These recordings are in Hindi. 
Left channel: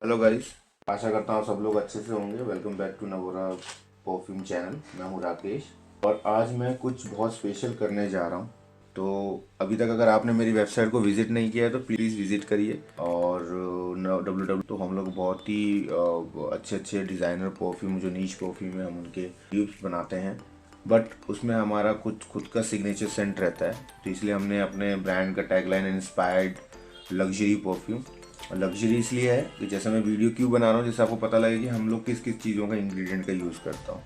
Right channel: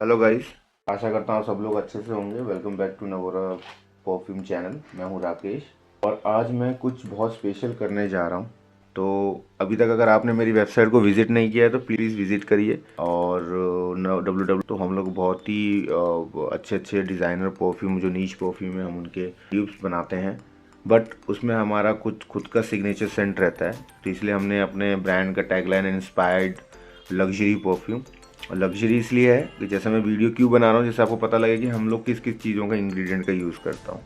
Hello guys. आशा करता हूँ सब लोग अच्छे से होंगे। Welcome back to Navora perfume channel. मैं हूँ राकेश और आज मैं कुछ बहुत स्पेशल करने जा रहा हूँ। तो अभी तक अगर आपने मेरी वेबसाइट को विज़िट नहीं किया है तो प्लीज़ विज़िट करिए। और डब्ल्यू तो हम लोग बहुत ही अच्छे अच्छे डिज़ाइनर परफ्यूम, जो नीच परफ्यूम है, हम उनके ट्यूब्स बनाते हैं। बट उसमें हमारा कुछ खुद का सिग्नेचर सेंट रहता है, तो इसलिए हमने अपने ब्रांड का टैगलाइन इंस्पायर्ड लग्जरी परफ्यूम। और लग्जरी इसलिए है कि जैसे मैं वीडियो क्यों बना रहा हूँ, जिससे आपको पता लगे कि हम लोग किस किस चीज़ों का इंग्रेडिएंट का यूज़ करता हूँ।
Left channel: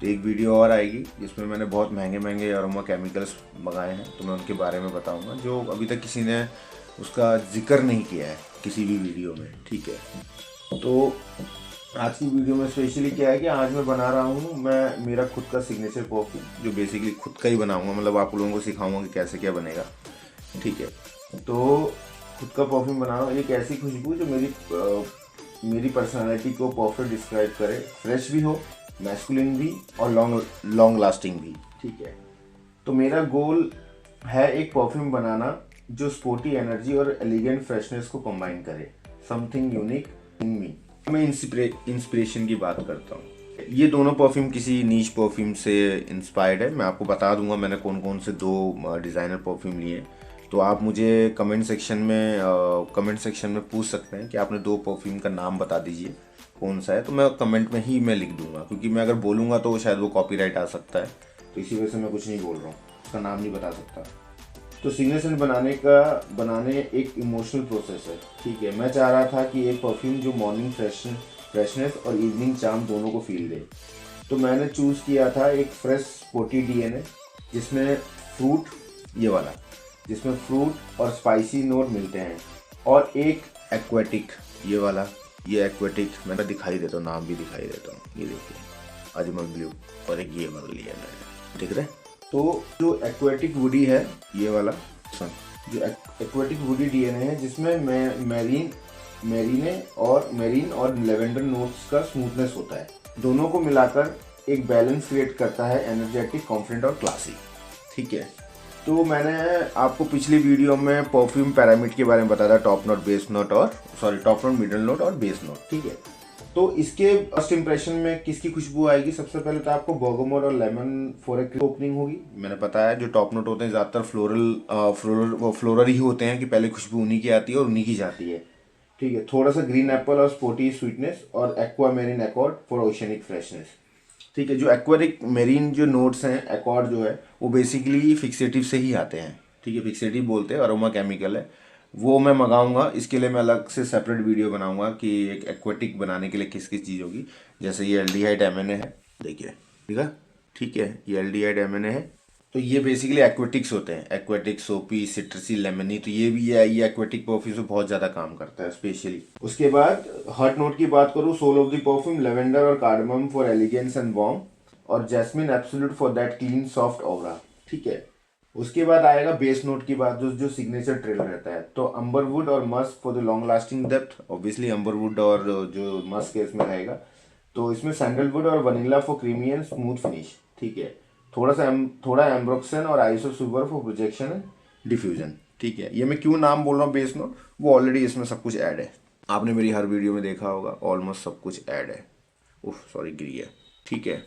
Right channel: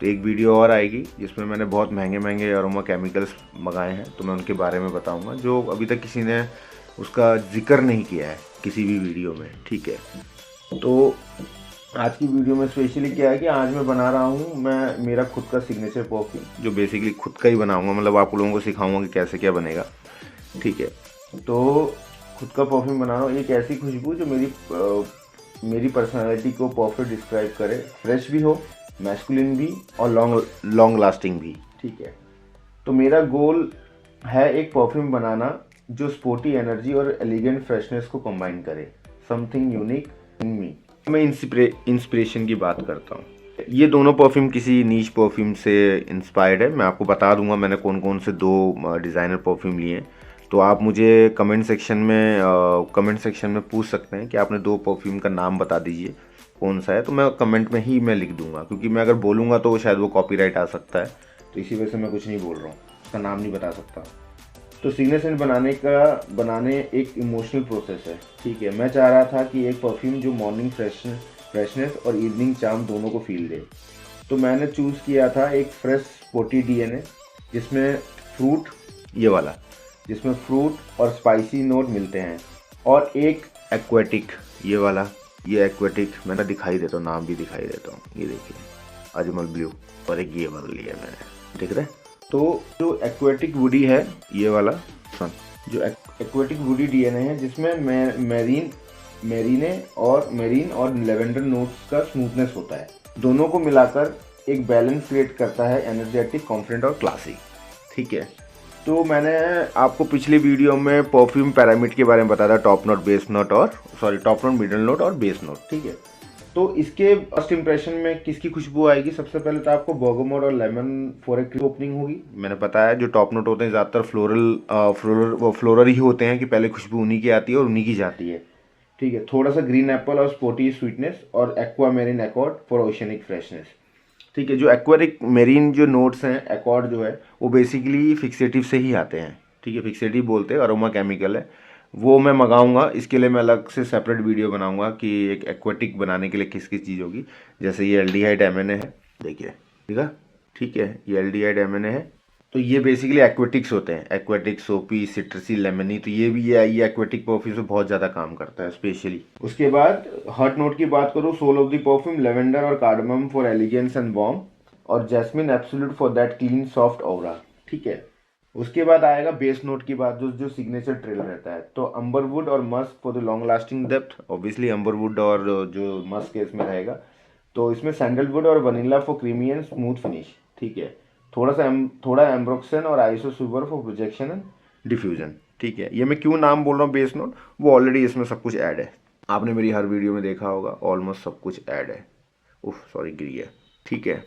तो एक वीडियो और आएगी जिसमें मैंने बहुत महंगे महंगे अरोमा केमिकल्स मंगाए हैं, तो मैं उनके बारे में बताऊंगा, जो अभी तक किसी ने उसका जिक्र नहीं किया है किसी भी वीडियो में। ठीक है, तो आज की वीडियो में स्पेशली क्या है कि आज मैं बना रहा हूँ मैं मेरा खुद का सिग्नेचर परफ्यूम, जो बेसिकली खुद का ही बनाऊंगा। मतलब आप लोगों को सिखाऊंगा कि कैसे क्या बनेगा। ठीक है, तो खुद का परफ्यूम बना रहा हूँ। एक ऐसी खुशबू जो मेरी पर्सनालिटी को परफेक्ट डिस्क्राइब करे, फ्रेश भी हो, मैस्कुलिन भी और लॉन्ग लॉन्ग लास्टिंग भी। ठीक है, तो मेरा गोल है एक परफ्यूम बनाना जो स्पोर्टी एनर्जी और एलिगेंट फ्रेशनेस को कंबाइन करे, समथिंग यूनिक इन मी। मैं इंस्पिरेशन की बात करता हूँ। ये दोनों परफ्यूम किसी नीच परफ्यूम से इंस्पायर्ड है। मैं आपको बता दूंगा मैंने कौन कौन से दो डिज़ाइनर परफ्यूम लिए हैं। तो आप मुझे कमेंट सेक्शन में पूछ सकते हैं कि आपने दो परफ्यूम का नाम बता दीजिए कौन सा है। तो मैं कमेंट में ही मैं लिख दूंगा, क्योंकि मैं अगर बोलूँगा तो शायद वो कॉपीराइट आ सकता है। तो इसी वजह से मैं कुछ नहीं बोल रहा हूँ, उसका नाम नहीं बता सकता। तो सीनियर सेंट बनाने एक इमोशनल प्रोसेस है। ठीक है, मैं चाह रहा था कि एक परफ्यूम जो मॉर्निंग फ्रेशनेस और इवनिंग चार्म दोनों को फील दे। तो मैंने चूज़ किया था एक फ्रेश स्पोर्टी डीएनए, जिसमें फ्रूट, ये वाला, जिसमें फ्रूट और स्पाइसी नोट मिलते हैं, और एक एक्वेटिक, ये वाला। ये एक्वेटिक मैं तो दिखाई देता हूँ, नाम भी दिखाई देता हूँ, ये देखिए, अजमल ब्लू। और एक ये वाला लिया मैंने, दिख रहा है। तो जो एक्वेटिक वुडी है, ये वाला, सुन, जो एक्वेटिक वुडी डीएनए है, जिसमें मेरीन और लेवेंडर नोट्स का स्मूथनेस होता है, दोनों को मिलाकर एक बैलेंस क्रिएट करता है, एनर्जेटिक, कॉन्फिडेंट और क्लासी। ठीक है, तो मैंने आपको पिछली वीडियो में परफ्यूम पैरामिड के बारे में बताया था, टॉप नोट, बेस नोट और टॉप नोट, मिडल नोट और बेस नोट। ठीक है, तो इसके फर्स्ट इंप्रेशन में किसकी खुशबू आएगी? सबसे पहले तो आपको बर्गमोट और लेमन फॉर एक ओपनिंग होगी। मैंने बताया जो टॉप नोट होते हैं ज़्यादातर फ्लोरल ही होते हैं, कि पहले खुशबू उन्हीं की आती है और उन्हीं की जाती है। ठीक है, थोड़ा सा ग्रीन एप्पल और स्पोर्टी स्वीटनेस, और aqua marine accord for oceanic freshness. ठीक है, जो एक्वारिक मेरीन जो नोट्स हैं, एकॉर्ड जो है, वो बेसिकली फिक्सेटिव से ही आते हैं। ठीक है, फिक्सेटिव बोलते हैं, अरोमा केमिकल है। वो मैं मंगाऊंगा, इसके लिए मैं अलग से सेपरेट वीडियो बनाऊंगा कि एक एक्वाटिक बनाने के लिए किस किस चीज़ होगी। जैसे ये एल्डिहाइड एमएनए है, देखिए, ठीक है। ठीक है, ये एल्डिहाइड एमएनए है। तो ये बेसिकली एक्वेटिक्स होते हैं, एक्वेटिक, सोपी, सिट्रसी, लेमनी। तो ये भी ये एक्वेटिक परफ्यूम से बहुत ज़्यादा काम करता है स्पेशली। उसके बाद हर्ट नोट की बात करूँ, soul of the perfume lavender और cardamom for elegance and warm, और jasmine absolute for that clean soft aura. ठीक है, उसके बाद आएगा बेस नोट की बात, जो जो सिग्नेचर ट्रेल रहता है। तो अम्बरवुड और musk for the long lasting depth, obviously amberwood और जो मस्क केस में रहेगा। तो इसमें सैंडलवुड और vanilla for creamy and smooth finish. ठीक है, थोड़ा एम्ब्रोक्सन और iso super for projection and diffusion. ठीक है, ये मैं क्यों नाम बोल रहा हूँ बेस नोट, वो ऑलरेडी इसमें सब कुछ ऐड है। आपने मेरी हर वीडियो में देखा होगा, ऑलमोस्ट सब कुछ ऐड है। उफ सॉरी, गिरी है। ठीक है,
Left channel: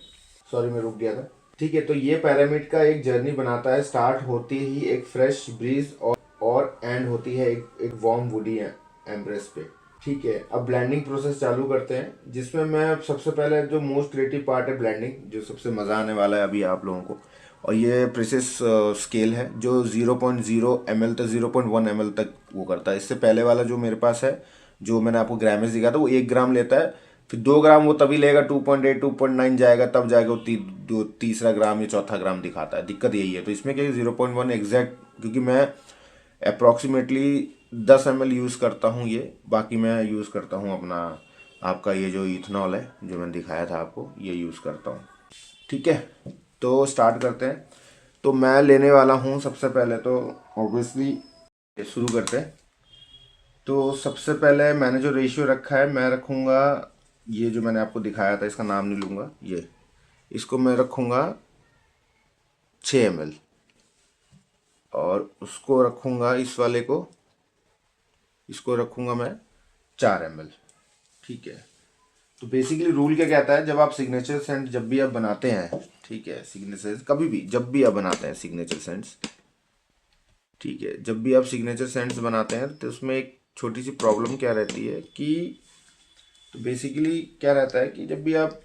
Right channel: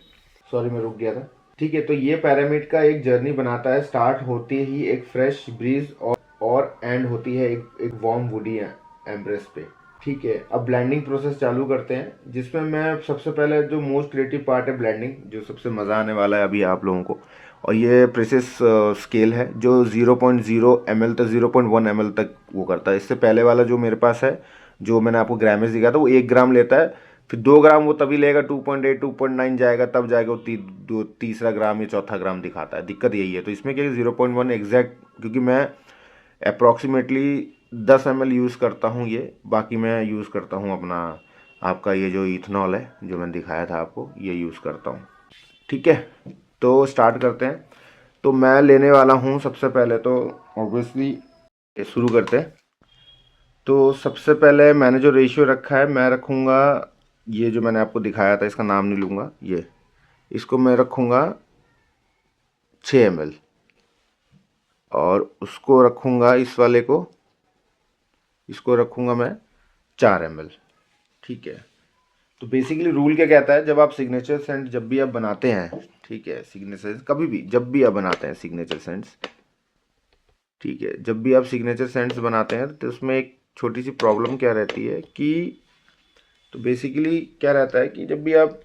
सॉरी मैं रुक गया था। ठीक है, तो ये पैरामिड का एक जर्नी बनाता है। स्टार्ट होती ही एक फ्रेश ब्रीज, और एंड होती है एक वार्म वुडी एम्ब्रेस पे। ठीक है, अब ब्लेंडिंग प्रोसेस चालू करते हैं, जिसमें मैं सबसे पहले, जो मोस्ट क्रिएटिव पार्ट है ब्लेंडिंग, जो सबसे मज़ा आने वाला है अभी आप लोगों को। और ये प्रेसिस स्केल है, जो 0.0 ml तक, 0.1 ml तक वो करता है। इससे पहले वाला जो मेरे पास है, जो मैंने आपको ग्रामेज दिखा था, वो 1 ग्राम लेता है। फिर 2 ग्राम वो तभी लेगा, 2.8 2.9 जाएगा, तब जाएगा वो तीसरा ग्राम या चौथा ग्राम दिखाता है। दिक्कत यही है। तो इसमें क्या, 0.1 एग्जैक्ट, क्योंकि मैं अप्रॉक्सीमेटली 10 ml यूज़ करता हूँ ये। बाकी मैं यूज़ करता हूँ अपना, आपका ये जो इथनॉल है जो मैंने दिखाया था आपको, ये यूज़ करता हूँ। ठीक है, तो स्टार्ट करते हैं। तो मैं लेने वाला हूँ सबसे पहले तो, ऑब्वियसली, शुरू करते हैं। तो सबसे पहले मैंने जो रेशियो रखा है, मैं रखूँगा, ये जो मैंने आपको दिखाया था, इसका नाम नहीं लूँगा, ये, इसको मैं रखूँगा 6 ml। और उसको रखूँगा, इस वाले को, इसको रखूँगा मैं 4 ml। ठीक है। तो बेसिकली रूल क्या कहता है, जब आप सिग्नेचर सेंट जब भी आप बनाते हैं, ठीक है, सिग्नेचर कभी भी जब भी आप बनाते हैं सिग्नेचर सेंट्स, ठीक है, जब भी आप सिग्नेचर सेंट्स बनाते हैं तो उसमें एक छोटी सी प्रॉब्लम क्या रहती है कि, तो बेसिकली क्या रहता है कि जब भी आप,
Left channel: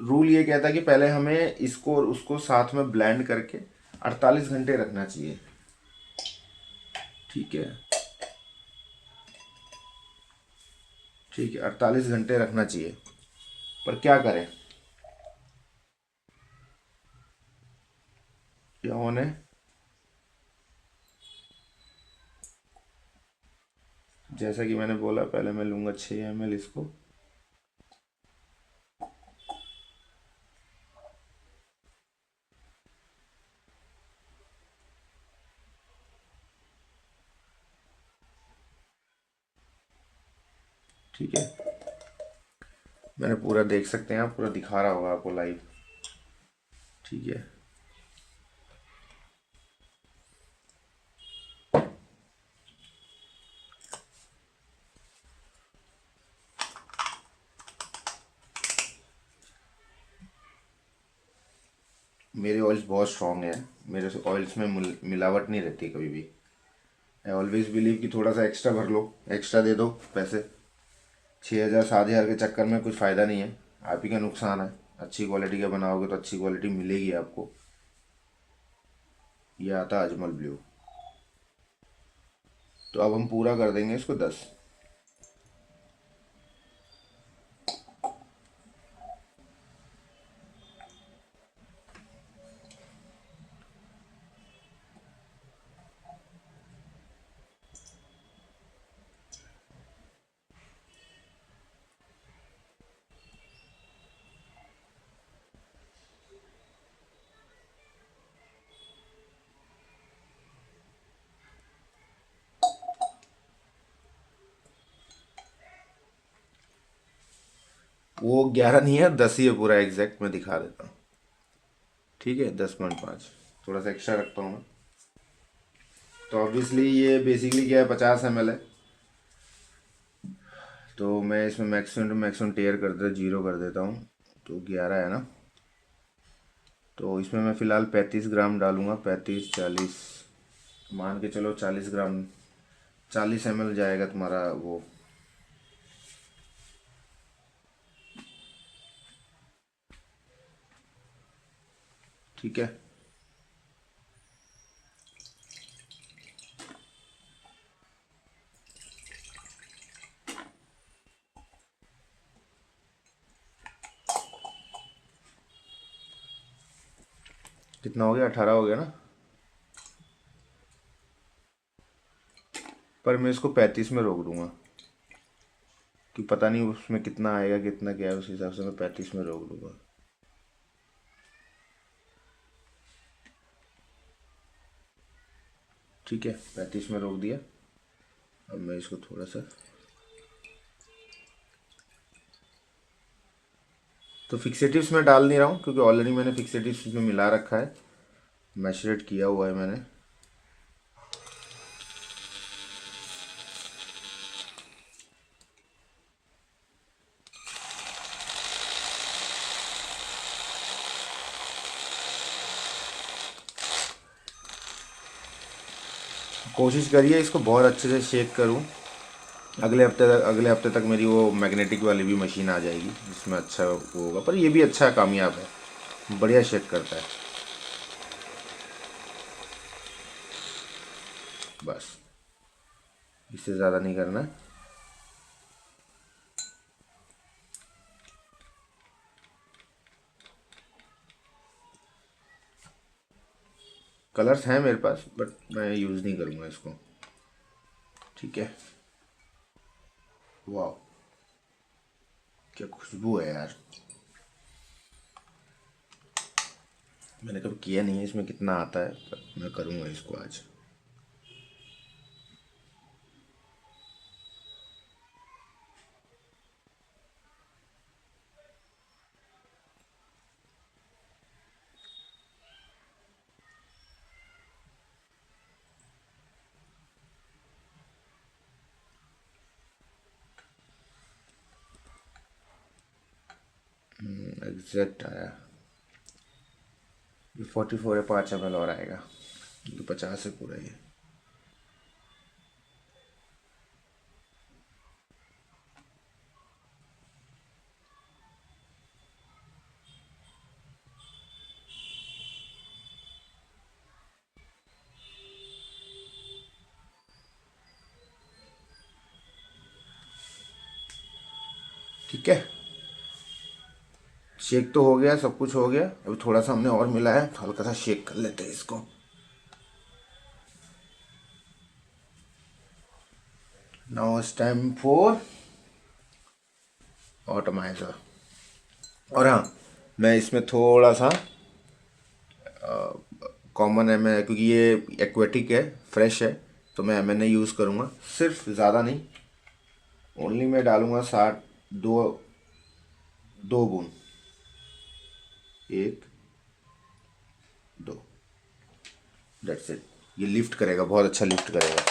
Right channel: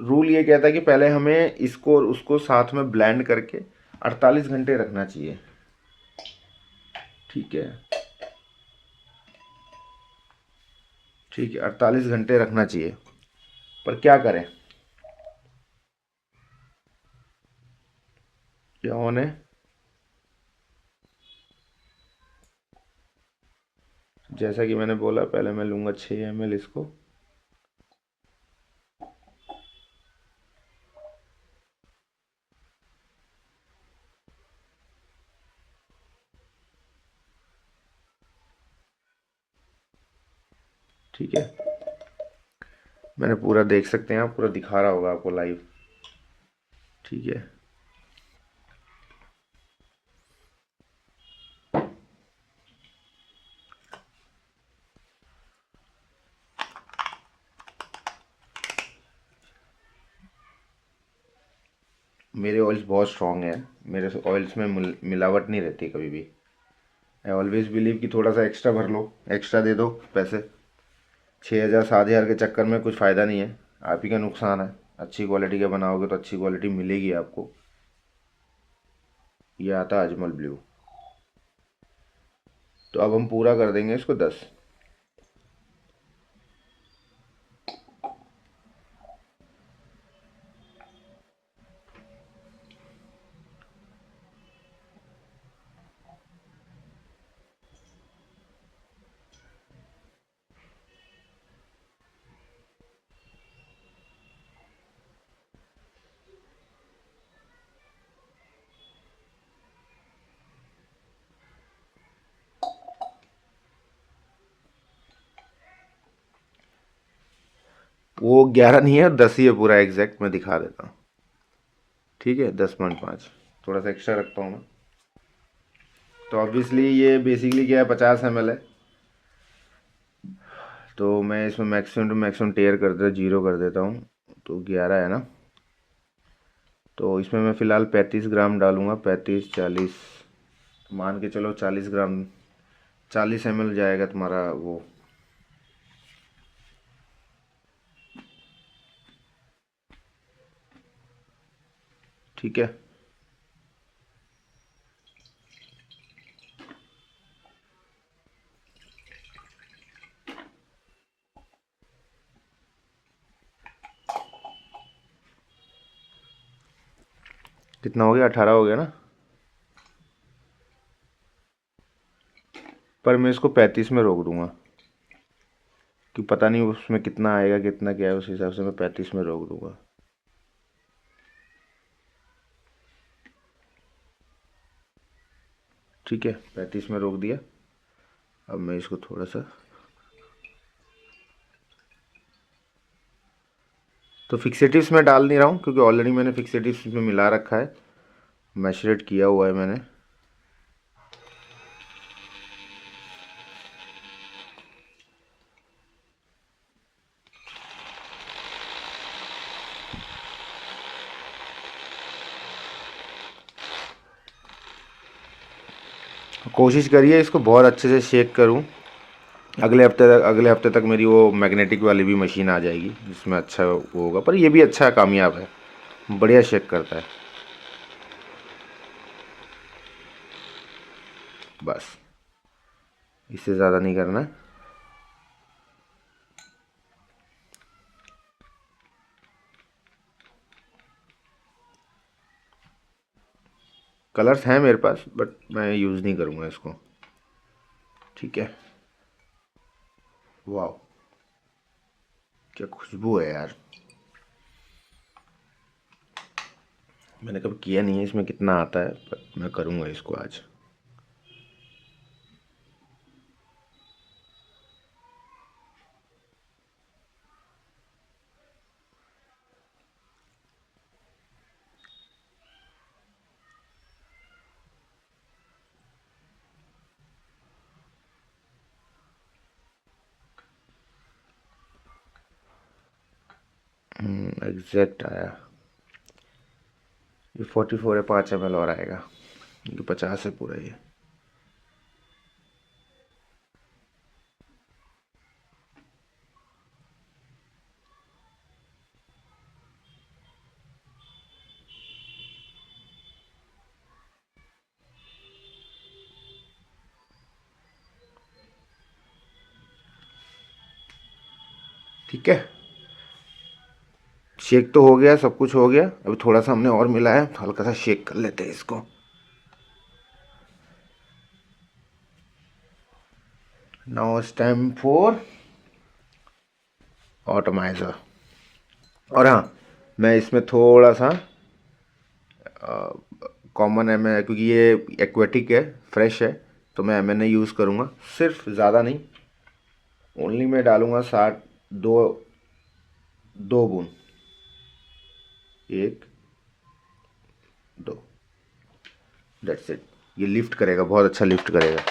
रूल ये कहता है कि पहले हमें इसको और उसको साथ में ब्लेंड करके 48 घंटे रखना चाहिए। ठीक है, ठीक है, 48 घंटे रखना चाहिए। पर क्या करें, क्या होने, जैसा कि मैंने बोला, पहले मैं लूँगा 6 ml इसको। ठीक है, मैंने पूरा, देख सकते हैं आप, पूरा दिखा रहा होगा आपको लाइव। ठीक है, मेरे ऑयल्स बहुत स्ट्रांग है, मेरे ऑयल्स में मिलावट नहीं रहती कभी भी। आई ऑलवेज बिलीव कि थोड़ा सा एक्स्ट्रा भर लो, एक्स्ट्रा दे दो पैसे। 6,000 7,000 के चक्कर में कुछ फ़ायदा नहीं है, आप ही का नुकसान है। अच्छी क्वालिटी का बनाओगे तो अच्छी क्वालिटी मिलेगी आपको। ये आता है अजमल ब्लू। तो अब हम पूरा कर देंगे इसको 10। वो 11 नहीं है, 10 ही है पूरा एग्जैक्ट, मैं दिखा देता हूँ। ठीक है, 10.5, थोड़ा सा एक्स्ट्रा रखता हूँ मैं। तो ऑब्वियसली ये बेसिकली क्या है, 50 ml है। तो मैं इसमें मैक्सिमम टू मैक्सिमम टेयर कर देता, जीरो कर देता हूँ। तो 11 है ना, तो इसमें मैं फ़िलहाल 35 ग्राम डालूँगा, 35 40, मान के चलो 40 ग्राम, 40 ml जाएगा तुम्हारा वो। ठीक है, कितना हो गया, 18 हो गया ना। पर मैं इसको 35 में रोक दूंगा, कि पता नहीं उसमें कितना आएगा कितना क्या है, उस हिसाब से मैं 35 में रोक दूंगा। ठीक है, 35 में रोक दिया। अब मैं इसको थोड़ा सा, तो फिक्सेटिव्स मैं डाल नहीं रहा हूँ क्योंकि ऑलरेडी मैंने फिक्सेटिव्स इसमें मिला रखा है, मैशरेट किया हुआ है मैंने। कोशिश करिए इसको बहुत अच्छे से शेक करूँ। अगले हफ्ते तक मेरी वो मैग्नेटिक वाली भी मशीन आ जाएगी जिसमें अच्छा वो होगा, पर ये भी अच्छा कामयाब है, बढ़िया शेक करता है। बस, इससे ज़्यादा नहीं करना है। कलर्स हैं मेरे पास बट मैं यूज़ नहीं करूँगा इसको। ठीक है, वाह, क्या खुशबू है यार। मैंने कभी किया नहीं है, इसमें कितना आता है, पर मैं करूँगा इसको आज। एग्जैक्ट आया। ये 44 है, 5 ml और आएगा। ये 50 है पूरा ये। ठीक है, शेक तो हो गया, सब कुछ हो गया। अभी थोड़ा सा हमने और मिलाया तो हल्का सा शेक कर लेते हैं इसको। Now it's time for atomiser. और हाँ, मैं इसमें थोड़ा सा कॉमन एम एन, क्योंकि ये एक्वेटिक है, फ्रेश है, तो मैं एम एन ए यूज़ करूँगा, सिर्फ ज़्यादा नहीं। ओनली मैं डालूँगा 60, दो 2 बूंद, 1, 2, डेट्स इट। ये लिफ्ट करेगा, बहुत अच्छा लिफ्ट करेगा।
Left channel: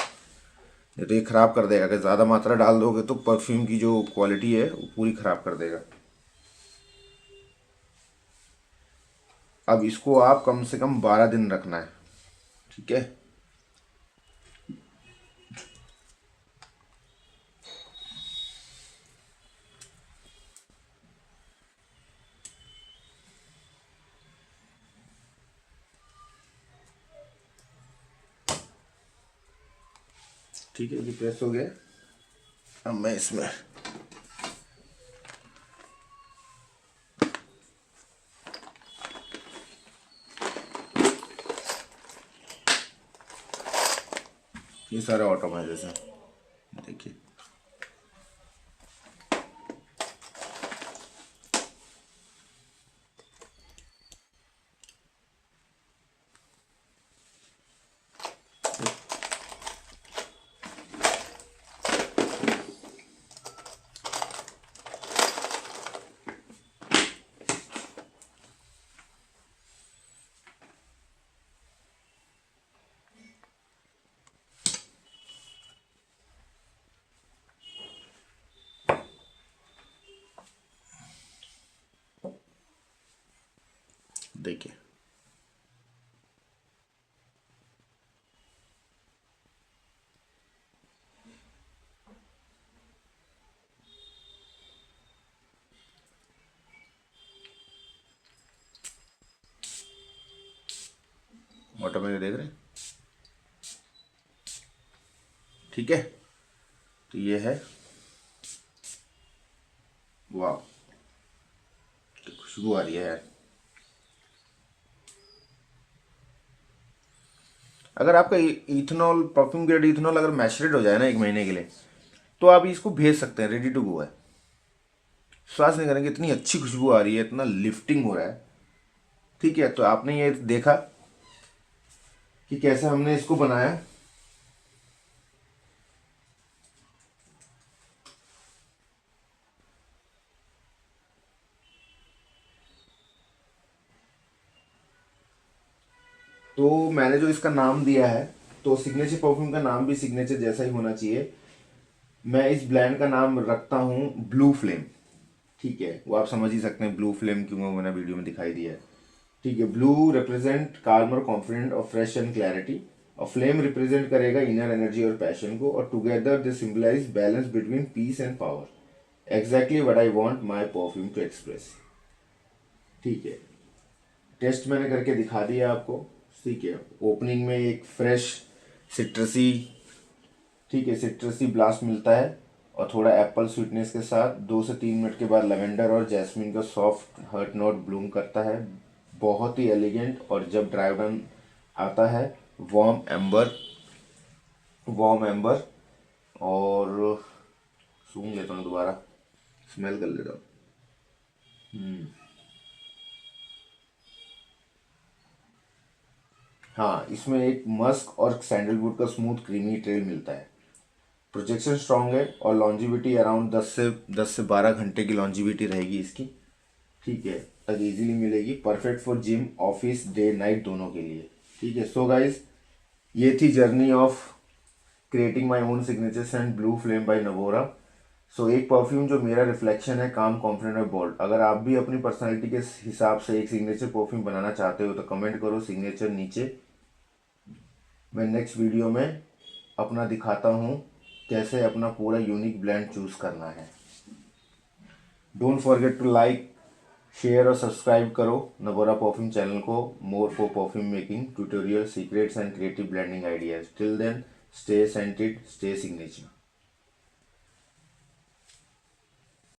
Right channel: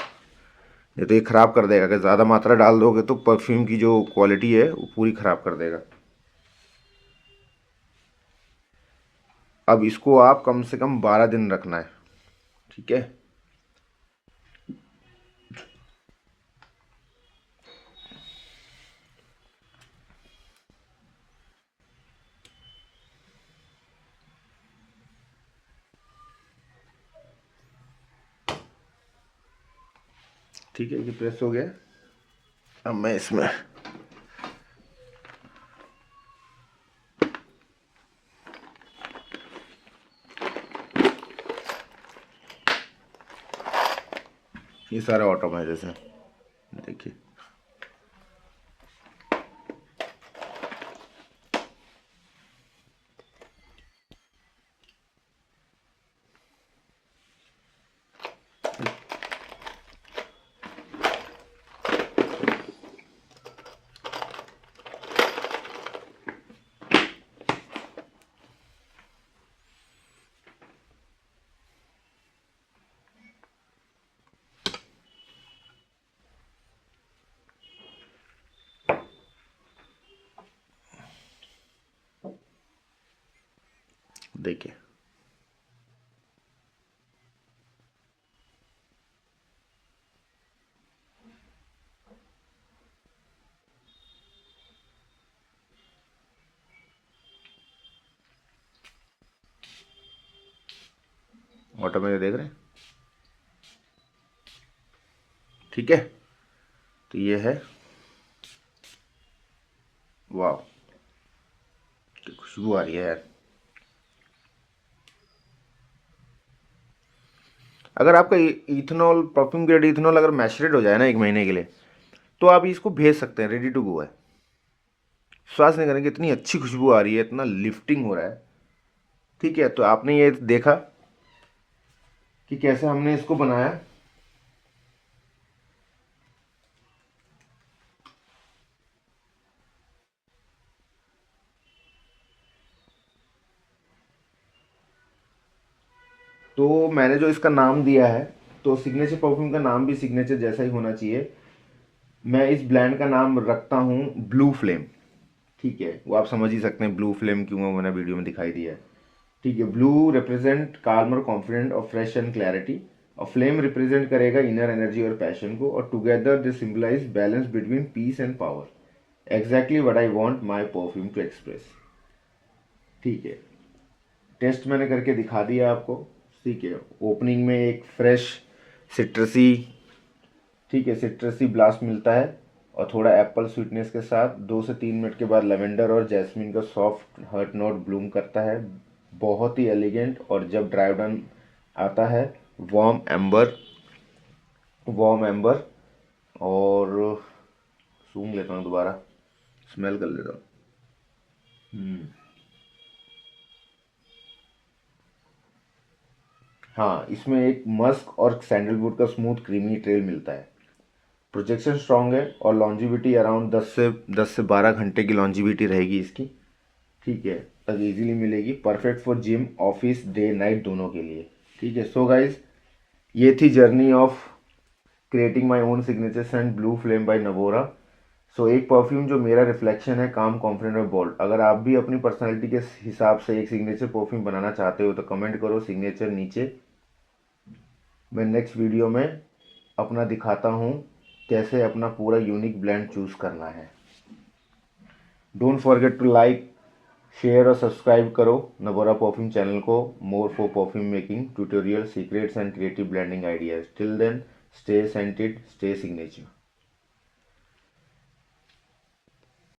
नहीं तो ये ख़राब कर देगा, अगर ज़्यादा मात्रा डाल दोगे तो परफ्यूम की जो क्वालिटी है वो पूरी ख़राब कर देगा। अब इसको आप कम से कम 12 दिन रखना है, ठीक है। ठीक है, ये प्रेस हो गया। अब मैं इसमें ये सारे ऑटोमाइजेशन देखिए। देखिए, ऑटोमाइजर देख रहे हैं, ठीक है। तो ये है, वाह, खुशबू आ रही है यार। अगर आपका इथेनॉल, परफ्यूम ग्रेड इथेनॉल अगर मैचरेट हो जाए ना 1 महीने के लिए, तो आप इसको भेज सकते हैं, रेडी टू गो है। विश्वास नहीं करेंगे, इतनी अच्छी खुशबू आ रही है, इतना लिफ्टिंग हो रहा है। ठीक है, तो आपने ये देखा कि कैसे हमने इसको बनाया। तो मैंने जो इसका नाम दिया है, तो सिग्नेचर परफ्यूम का नाम भी सिग्नेचर जैसा ही होना चाहिए। मैं इस ब्रांड का नाम रखता हूँ ब्लू फ्लेम। ठीक है, वो आप समझ ही सकते हैं ब्लू फ्लेम क्यों है, मैंने वीडियो में दिखाई दिया है। ठीक है, ब्लू रिप्रेजेंट काल्मर, कॉन्फिडेंट और फ्रेश एंड क्लैरिटी, और फ्लेम रिप्रेजेंट करेगा इनर एनर्जी और पैशन को, और together they symbolise balance between peace and power. Exactly what I want my perfume to express. ठीक है, टेस्ट मैंने करके दिखा दिया आपको। ठीक है, ओपनिंग में एक फ्रेश सिट्रसी, ठीक है, सिट्रसी ब्लास्ट मिलता है, और थोड़ा एप्पल स्वीटनेस के साथ 2 से 3 मिनट के बाद लेवेंडर और जैस्मिन का सॉफ्ट हर्ट नोट ब्लूम करता है, बहुत ही एलिगेंट। और जब ड्राई डाउन आता है, वार्म एम्बर, वार्म एम्बर। और सूंघ लेता हूँ दोबारा, स्मेल कर लेता हूँ। हाँ, इसमें एक मस्क और सैंडलवुड का स्मूथ क्रीमी ट्रेल मिलता है। प्रोजेक्शन स्ट्रांग है, और लॉन्जिविटी अराउंड 10 से 12 घंटे की लॉन्जिविटी रहेगी इसकी। ठीक है, तक इजीली मिलेगी, perfect for gym, office, day night दोनों के लिए। ठीक है, सो गाइज, ये थी journey of creating my own signature scent blue flame by Navora. So एक परफ्यूम जो मेरा रिफ्लेक्शन है, काम, कॉन्फिडेंट और बोल्ड। अगर आप भी अपनी पर्सनैलिटी के हिसाब से एक सिग्नेचर परफ्यूम बनाना चाहते हो तो कमेंट करो सिग्नेचर नीचे। मैं नेक्स्ट वीडियो में अपना दिखाता हूँ कैसे अपना पूरा यूनिक ब्लेंड चूज़ करना है। Don't forget to like, share और सब्सक्राइब करो नगोरा परफ्यूम चैनल को, more for perfume making tutorial, secrets and creative blending ideas. Till then, stay scented, stay signature.